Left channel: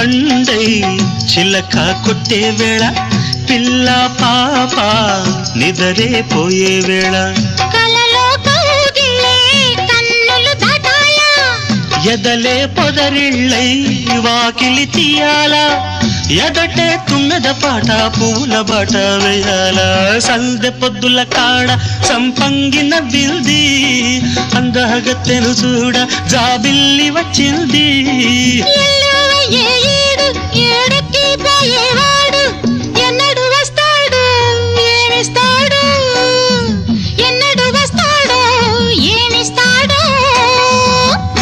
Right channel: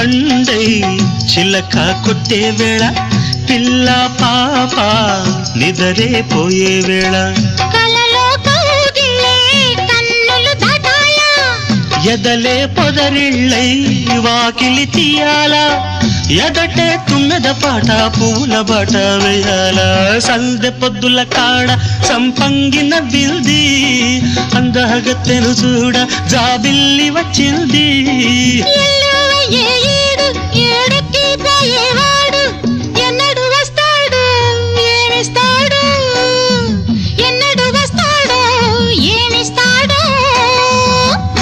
పండై చిలక కొట్టే వేళ పిల్ల పాప నిదరే పోయే వేళ కలలో కౌగిలే కన్నులు దాటాయా ఎదలే పొదరిళ్ళై వాకిలి తీయాలా ఎదటే తుమ్మెద పాట పూల బాట వేయాల సందె పొద్దుల కాడ సంపంగిన బిల్ది అందగత్తెను చూడ జాబిల్లి వచ్చింది